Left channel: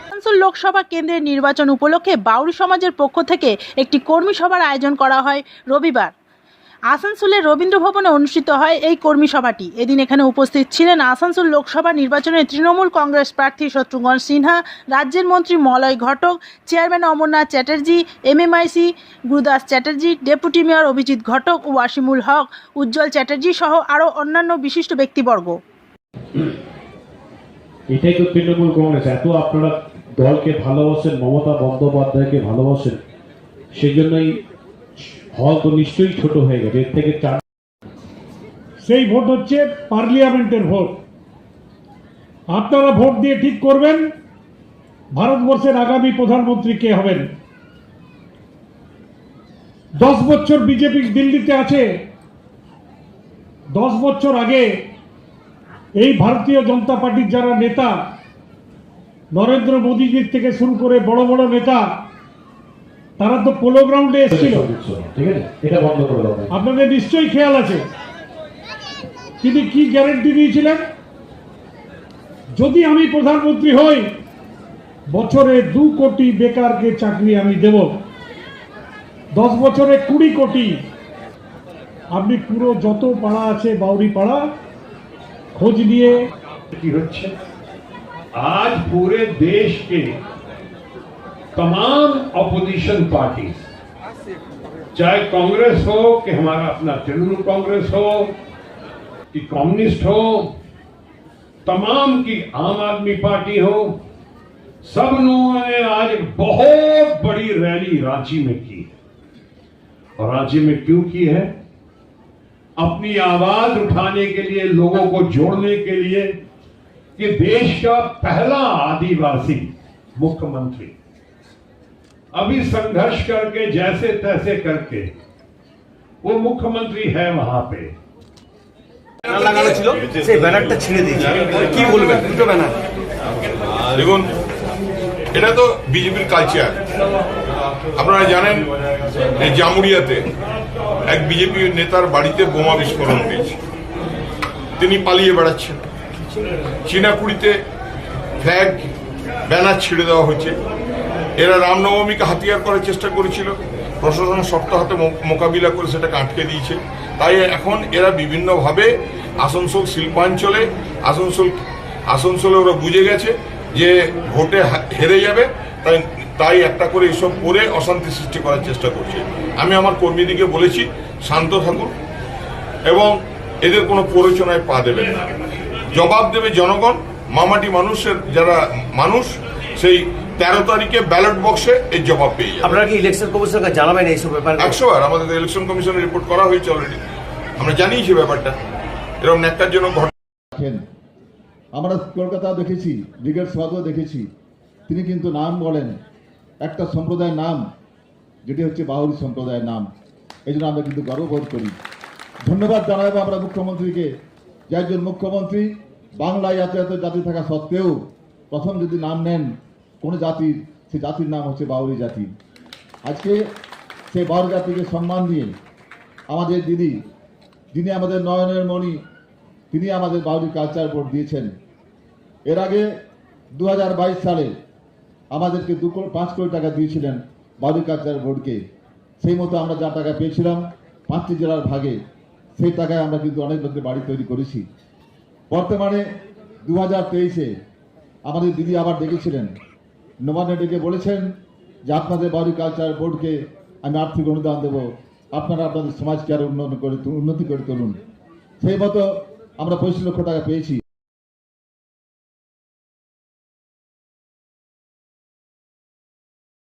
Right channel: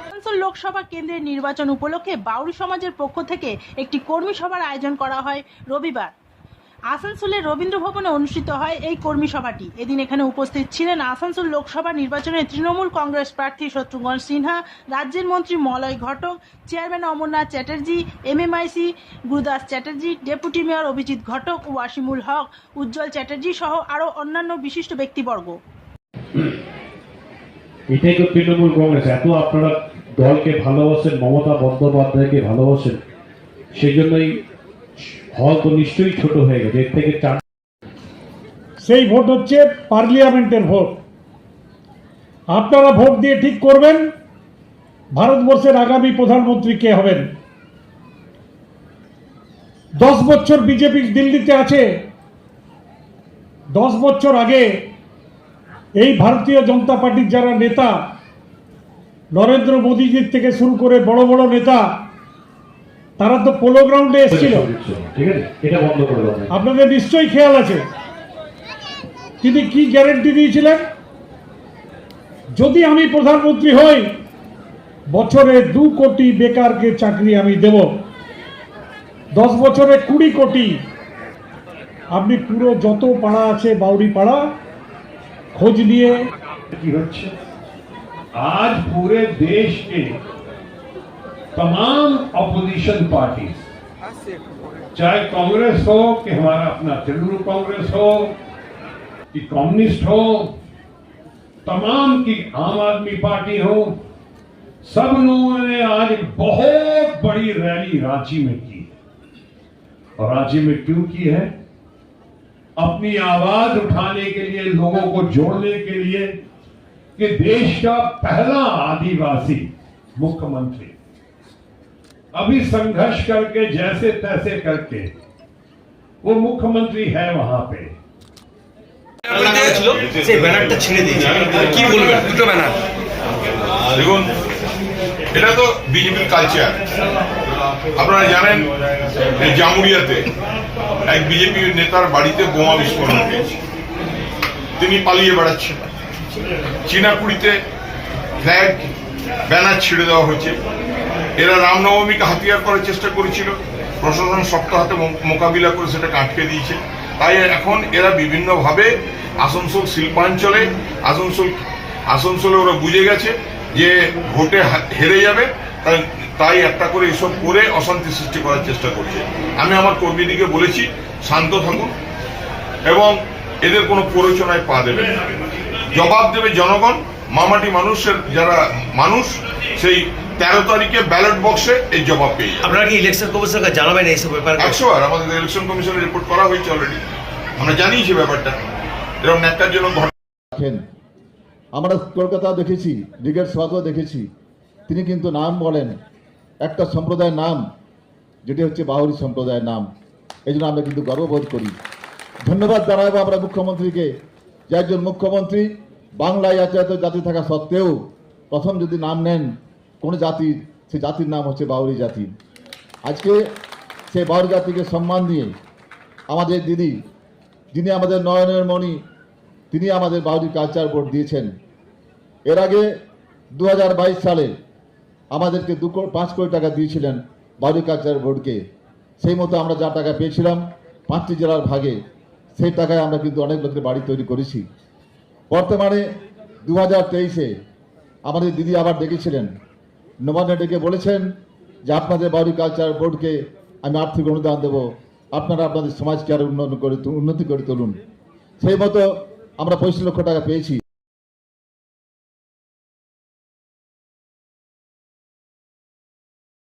আসানসোল লোকসভা কেন্দ্রের নির্বাচন উপলক্ষে বাউরি সমাজের পক্ষ থেকে একটি কর্মী সভার আয়োজন করা হয় রবিবার। আসানসোলের রবীন্দ্র ভবনে অনুষ্ঠিত হয় এই কর্মী সভাটি। এদিন এখানে উপস্থিত ছিলেন আসানসোল লোকসভা নির্বাচনে তৃণমূল কংগ্রেস প্রার্থী শত্রুঘ্ন সিনহা, রাজ্যের মন্ত্রী Malay Ghatak, chairman Amarnath Chatterjee, MMIC Gurudas Chatterjee, deputy mayor Abhijit Ghatak, Wasimul Haque, Ujjwal Chatterjee সহ আরও অন্যান্য বিশিষ্ট ব্যক্তিবর্গ। এটাই তো তৃণমূল কংগ্রেস। এত আপনারা দলকে ভালোবাসেন, মমতা বন্দ্যোপাধ্যায়কে ভালোবাসেন সেই জন্যই হল তো নিশ্চয়ই ছোট হয়ে গেছে। এর থেকে চার সেই ভোট হচ্ছে পার্লিয়ামেন্টের ভোট। আপনারা ভোট দিয়ে ঠিক করবেন, ভারতবর্ষের আগামী প্রধানমন্ত্রী কে হবেন? দশ বছর বিজেপি দিল্লিতে আছে, দশ বছর আগে এই ভারতীয় জনতা পার্টির যারা নেতা নরেন্দ্র মোদীজির থেকে শুরু করে বড় বড় নেতা তারা তো পোলো গ্রাউন্ডে এসেছিল। আপনাদের নিশ্চয়ই খেয়াল আছে। তিনি কি গ্যারেন্টি দিয়েছিলেন? যদি আমি প্রধানমন্ত্রী হই বছরে দু কোটি বেকারকে চাকরি আমি দেব। দশ বছরে কুড়ি কোটি। আপনি পুরো যত পাড়া আছে বাউরি পাড়া खोज लिए। आज पूरे देश के तमाम अपोजिशन पार्टी चाहे कांग्रेस हो कि हमारा अपना तृणमूल कांग्रेस हो, कि कम्युनिस्ट हो, तमाम की आम आदमी पार्टी हो, सब लोगों ने आज एक बहुत बड़ी रैली रांची में की है। और रांची में क्यों की है? अपनी आवाज उठाने के लिए लोगों को जोड़ने के लिए कि देश का पहला आदिवासी मुख्यमंत्री अभी संघर्ष करके जैसे तैसे करके वो मुख्यमंत्री है वहां पे লাগানো ছিল সেই ব্যানারটা ছিঁড়ে দিয়েছে কি বলবেন দুটো ব্যানার দেখুন এটা তো বিজেপির কালচার আপনারা জানেন যে জামুরিয়াতে এক বিজেপি নেতার বাড়িতে বোমা বিস্ফোরণ হয়েছে। তিনি পালিয়ে বেড়াচ্ছেন। চীনাকুড়িতে ফ্ল্যাগ, ব্যানার ছিঁড়ে দেওয়া হয়েছে। এরা রামনবমীকে হাতিয়ার করার চেষ্টা করেছিল। প্রশাসন শক্ত হাতে মোকাবিলা করে সেটাকে আটকে দিয়েছে। তাই এখন এরা বিভিন্নভাবে আসানসোল শিল্পাঞ্চলে, আসানসোল আসানসোলে ওরা বুঝে গেছে যে ভোটে হেরে যাবে। তাই তাই একটা করে এসব করে অশান্তি সৃষ্টি করার চেষ্টা করছে। আমি আমার কর্মীদিকে বলেছি শান্ত থাকুন এবং এদের কোনো প্ররোচনায় পা দেবে না। জবাব দেবে জনগণ মামাটি মানুষের যারা মানুষ সেই তেরো তারিখে ব্যালট বক্সে এই জবাব পেয়ে আপনারা কি ইলেকশন কমিশনকে জানাবেন এইসব ব্যাপার? একশো আর আমাদের ইলেকশন কমিশনে রিপোর্ট করা হয়েছে অলরেডি আমরা জানিয়েছি ব্যাপারটা। এরকম ন্যাক্কারজনক ঘটনা আমরা কলকাতা দেখেছি ব্রিগেড সভাতেও দেখেছি। তিনি কিন্তু নাম বলেন, একটা সম্প্রদায়ের নাম, যেটি হচ্ছে বাহুরি সম্প্রদায়ের নাম। এই জন্য আমরা কিন্তু গর্ববোধ করি। ধন্যবাদ জানাব আমরা মুখ্যমন্ত্রীকে। যে একজন মুখ্যমন্ত্রী বাংলায় এত এত জাতি থাকা সত্ত্বেও প্রথম যদি নাম নেন কোন জাতির সে জাতির নাম হচ্ছে বাউরি জাতি। আজকে সে বাউরি জাতিকে সম্মান দিয়ে আমাদের দিদি, যিনি আমাদের নয়নের মণি, তিনি আমাদের বাউরি কালচার বোর্ড দিয়েছেন। এর আগে দু হাজার বাইশ সালে আমাদেরকে দু পাঁচ কোটি টাকা দিয়েছিলেন কালচার বোর্ডকে। সেই মতো আমরা যা টাকা পেয়েছিলাম পাঁচটি জেলার ভাগে, সেই টাকায় আমরা কিন্তু অনেক লোকের বাড়ি তৈরি করেছি। বর্তমানে দু হাজার তেইশে আমাদের দিদি আবার ডেকেছিলেন। নবান্নে ডেকে বলেছেন যে আপনাদের বাউরি কালচার বোর্ডকে আমি আর্থিক অনুদান দেবো। আপনারা আপনাদের সমাজকে আরও উন্নয়ন করে উন্নতি করে তুলুন। সেই মতো আমরা পঁচিশ লক্ষ টাকা পেয়েছি।